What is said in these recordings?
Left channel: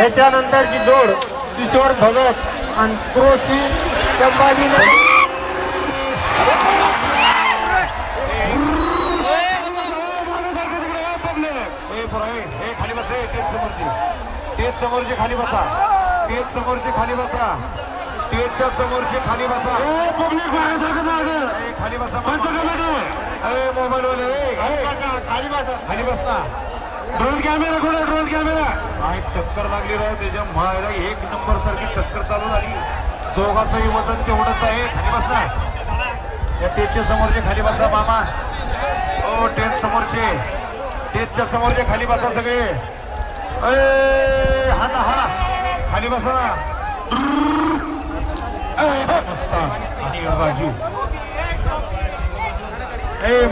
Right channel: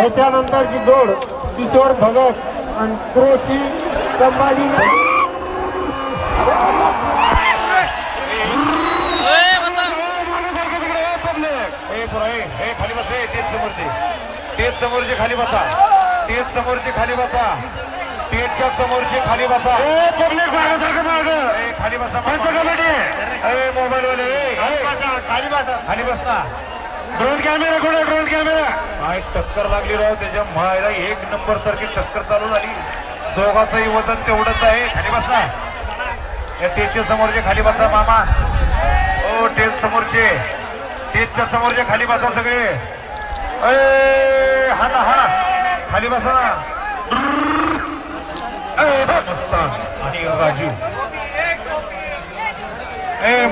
याच्यानंतरची जोड किशोर भगत आणि कृषी संभाजी तेच समोरचे खाली बसा, तेच समोरचे खाली बसा, तेजच्या समोरचे खाली बसा, खाली बसा मोबाईल वाले खाली बसता. ड्रोन कॅमेरा कुठे? ड्रोन कॅमेरा काय टक्कर लागली राव त्याच्या मायला. एक नंबर सारखी टक्कर चालू झाली. दोघांचंही वजन तेवढंच आहे. खाली बसा. या तेजच्या समोरचे खाली बसा मामा. हो तेज समोरचे, तेजच्या समोरचे खाली बसा सगळे. हा ना हा खाली बसा ना. मस्त आणि राजू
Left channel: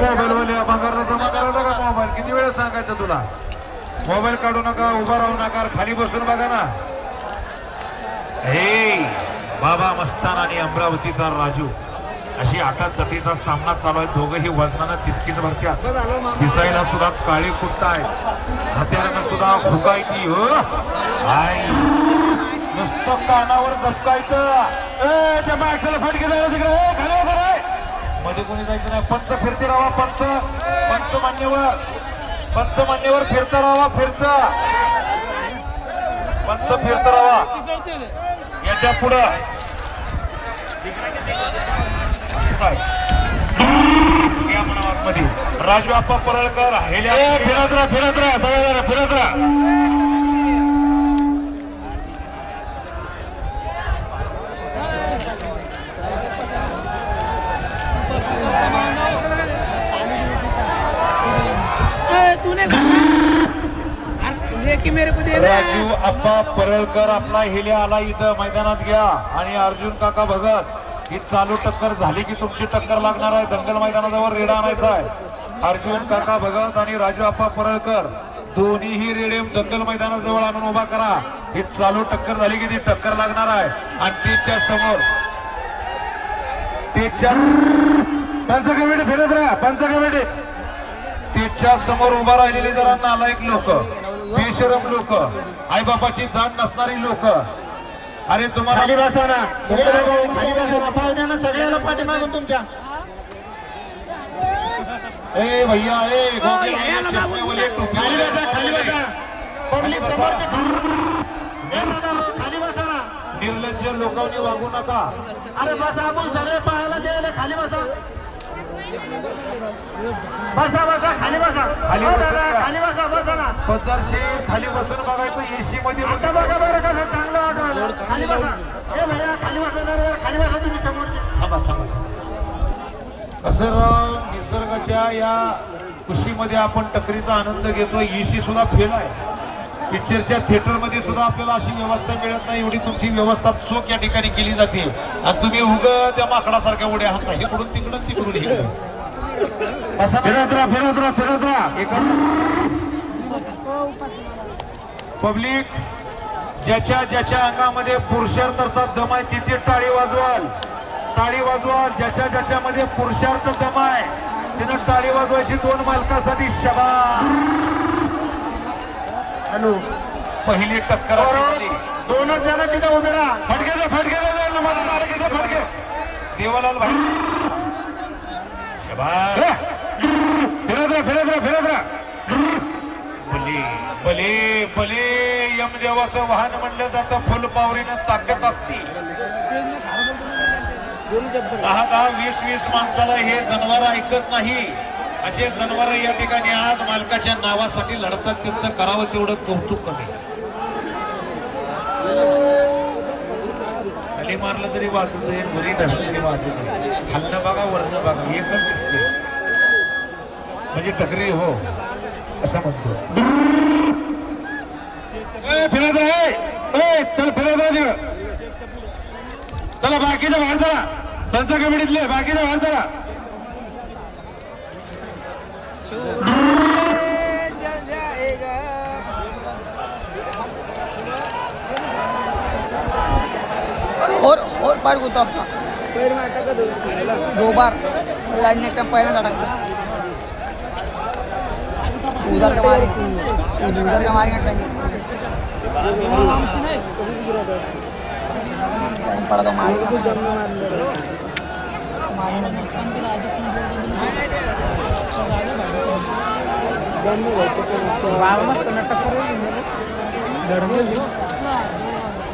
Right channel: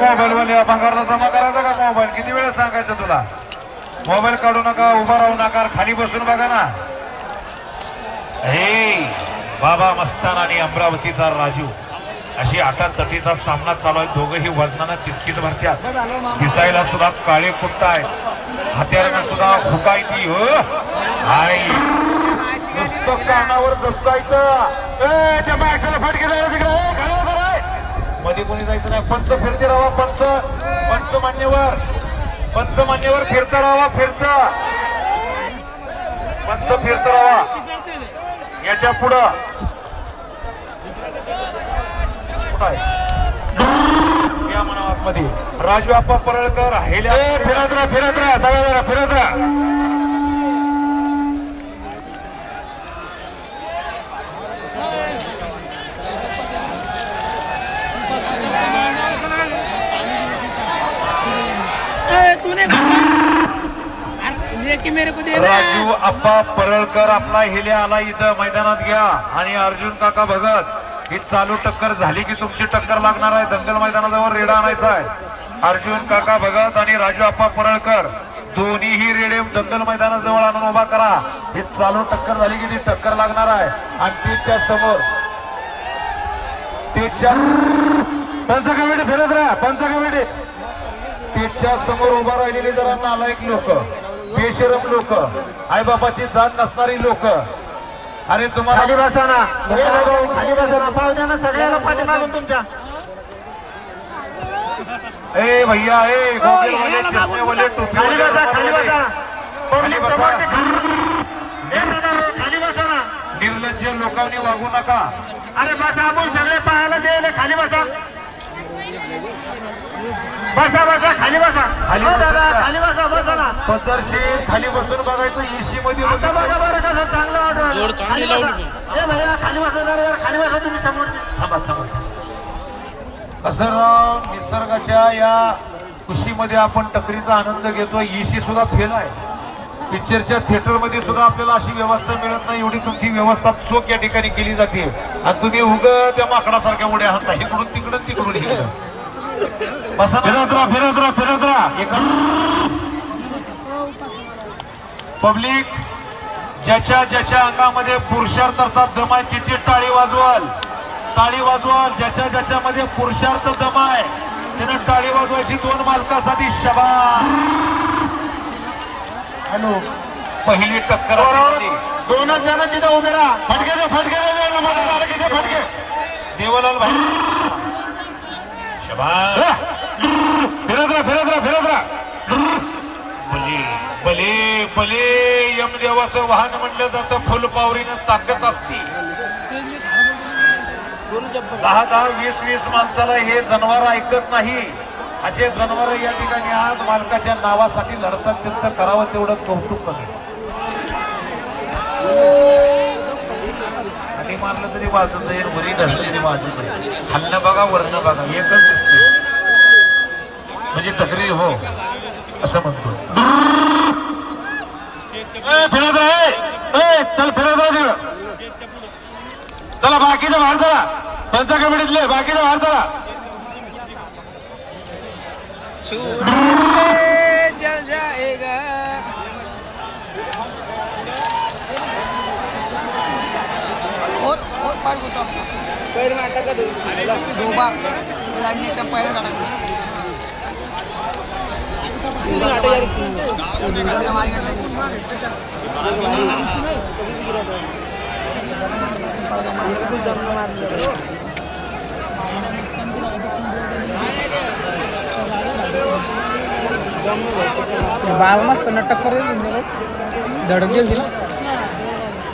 मोबाईल वाले भंगारला जमा करायचा का मोबाईल? किती वेळा सांगायचं तुला? मोबाईल काढू नका, उभा राहू नका, खाली बसून बघा ना. हे बाबा मस्तान आणि अमरावतीचा राजू अशी आटातटीचा सामना चालू आहे. दोघंही वजनानं तितकीच भरत्यात. दिसायला सुद्धा काळे कुट्ट आहे. हत्यारानं सुद्धा फुकायची हो. नुसतं कानावर जपतायचं. फटके जायला तिकडे मध्ये कोणी जायचं नाही. पंच फिरते राहा. पंच पंच मान्यवर, पंच मान्यवर फिरता राहा. फिरता पंच फिरता राहा. याच्या पुढं राजू आप्पा परळकर फिरत राहा. फिरत राहा. सगळं फिरत राहा. राजू आप्पा परळकर आपला हेले आला इथं मैदानात घ्या. आणि अर्जुन काका भगत ही चालू टक्कर झाली की तुमची टक्कर लागणार आहे. दंगल मैदानाजवळ रेडा आणायचा आहे. अर्जुन काका भगत आणि राजू आप्पा परळकर दोन्हीही रेडे दंगल मैदानाजवळ आणून उभा करा. ही चालू टक्कर झाली की ती टक्कर लागणार आहे. आणि तिच्या समोर पंच कमिटी फिरत राहा. पंच कमिटी तिच्या समोर उभा राहिलेली जरा नालायक लोक, बेशरम लोक, आई बापाची जात नसणारी लोक. अरे तुम्हाला खाली बसा ना, खाली बसा ना. पाहुण्यांना सगळ्याला पाठी मागून तुमच्या. ए भैया ए गोगल वाले चष्मे वाले टोपी खाली बसा. खाली बसा. खाली बसा. खाली बसा ना. निर्लज्ज लोकांनी वागू नका. अरे बसा. आपण सगळे पाहायला द्यायला खाली बसा. बसा बसा. खाली बसा. खाली खाली बसा. बसा ना. पदरशी खाली बसून बघायचं. एसी मध्ये बघा बरं कसं चांगलं वाटतं. जोड चांगली लावली. ए भैया खाली बसा. खाली बसा तुम्ही समोर. थांबा थांबा. असं निसर्गाच्या या खुशीमध्ये आपण टकरीचा आनंद घेतो. एसी सुद्धा फेल आहे. पिक्चरच्या थिएटर मध्ये सुद्धा आपल्याला अशी व्यवस्था मिळत नाही. एवढी तुमची व्यवस्था चोख या ठिकाणी केली जाते. आणि तुम्ही उगा त्या माकडासारख्या उड्या हात नाही. इकडून तिकडून तिकडून इकडून बसा. फिरत राहा. फिरत राहा. फिरत राहा. पब्लिक ज्याच्या ज्याच्या अंगामध्ये पुरुषार्थाचा दम आहे तिथे टाळी वाजवाल. टाळी वाजवाल. ज्याच्या ज्याच्यामध्ये पुरुषार्थ दम आहे त्यानं टाळी वाजवायची. दोन मालकासाठी शाबास. हॅलो पहिली टक्कर दोनच जण तिथे उभे राहा. फटके फटके फटके देवलाल भाई शाबास. फिरत राहा. फिरत राहा. फिरत राहा. भले भले भले यमदेवाचं वाहन म्हणलं जातं. फुलपावरीनं ताकद असते. 10-10 20-20 माणसाला हे जनावर ऐकत नाही. असे जनावर या ठिकाणी आज मालकाच्या नावासाठी लढतात. त्यांचं करावं तेवढं कौतुक कमी. खाली मारलं तरी वाजत नाही. वरी धरलं तरी वाजत नाही. खाल्लं बघा वरण बघा एकच दिसते. म्हणजे टकरी हो असं म्हणतो. फिरत राहा. चल फिरत राहा तिकडं. चला बाकीचं बाहेर चला. पंच कमिटीतले बाकीचं बाहेर चला. चल जाएगा. और बार होता पैर में अटका 2 बार लड़ने का पैर में अटका. हमारी बाबा मस्त टक्कर धडके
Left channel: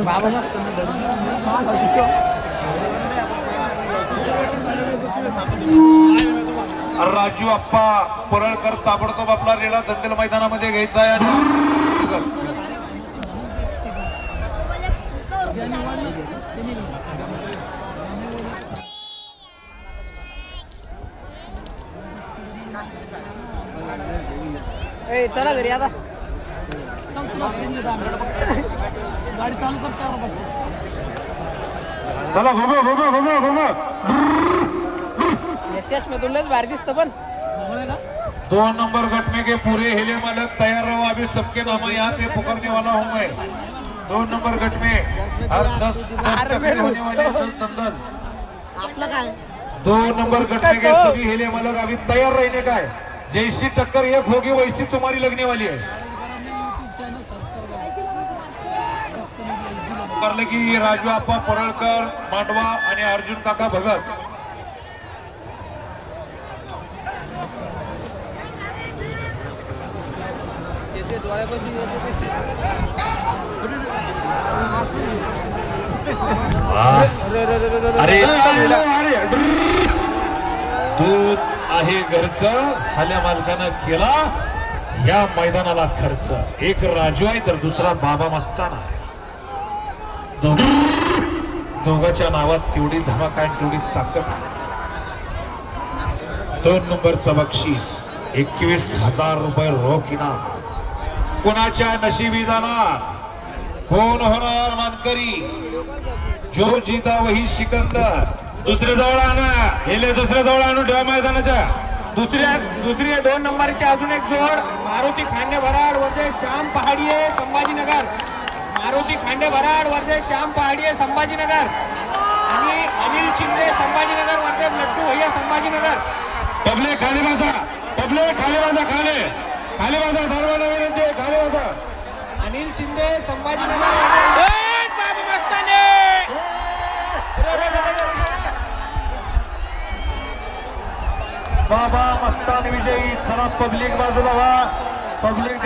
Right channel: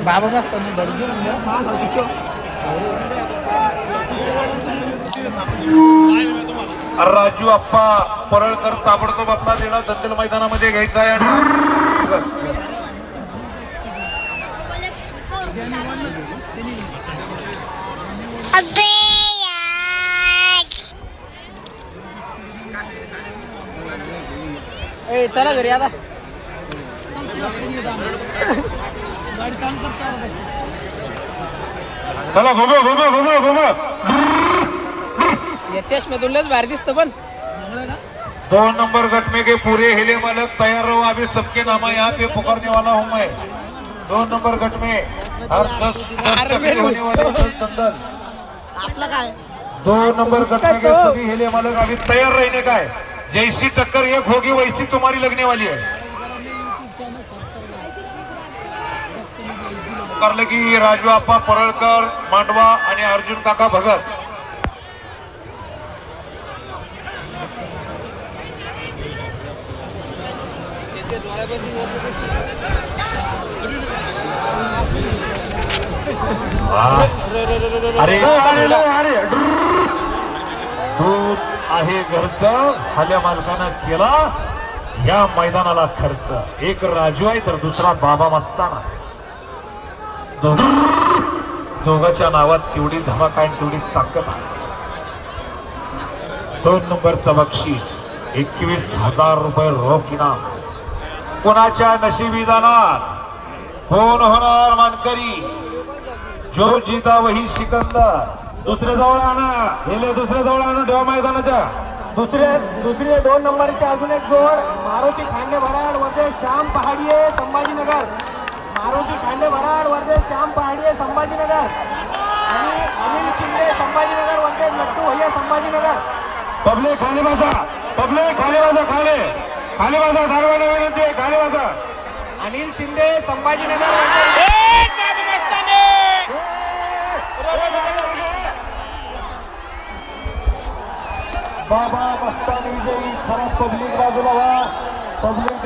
बाबा मस्त राजू आप्पा परळकर ताबडतोब आपला रेडा दंतेल मैदानामध्ये घ्यायचा आहे. ए चला घरी आता चला घुमो घुमो घुमो घुमो. या चष्म्यातूनच भारी दिसतं पण 2 नंबर गट में के पूरे हिले मालक तैयार रहो. अभी सबके नाम यहाँ पे पुकारने वाला हूँ मैं. 2 नंबर गट में हर 10 टक्कर होने वाले संदल. आपलं काय 2 नंबर गट में के सभी हिले मालक अभी तैयार रहने का है. जैसी टक्कर एक होगी वैसी तुम्हारी लगने वाली है. करले की राजू आप्पा परळकर मांडवा आणि अर्जुन काका भगत. अरे दूध आहे घरचं. खाल्या मालकानं केला या मैदानाला खर्च. एक राजू आहे तर दुसरा बाबा मस्ताना. दोघांच्या नावात तेवढी धमाका आणि तेवढी ताकद. 2 नंबरचं बक्षीस 21,000 रुपये रोख इनाम. कोणाच्या नशिबी जाणार, कोण होणार मानकरी. जो जीता वही सिकंदर. दुसरे जवळ आणा, गेले दुसऱ्या जवळ आणून ठेवा मैदानाच्या. दुसरी 2 नंबरची अजून एक जोड. मारुती खांडे भराड वरचे श्याम पहाडिये संभाजीनगर. मारुती खांडे भराड वरचे श्याम पहाडिये संभाजीनगर आणि अनिल शिंदे संभाजीनगर वरचे लड्डू भैया संभाजीनगर. पब्लिक खाली बसा, पब्लिक खाली बसा. खाली खाली बसा, सर्वांना विनंती आहे खाली बसा. अनिल शिंदे संभाजीनगर. बाबा मस्तान विजयी. खरा पब्लिक बाजूला व्हा. पब्लिक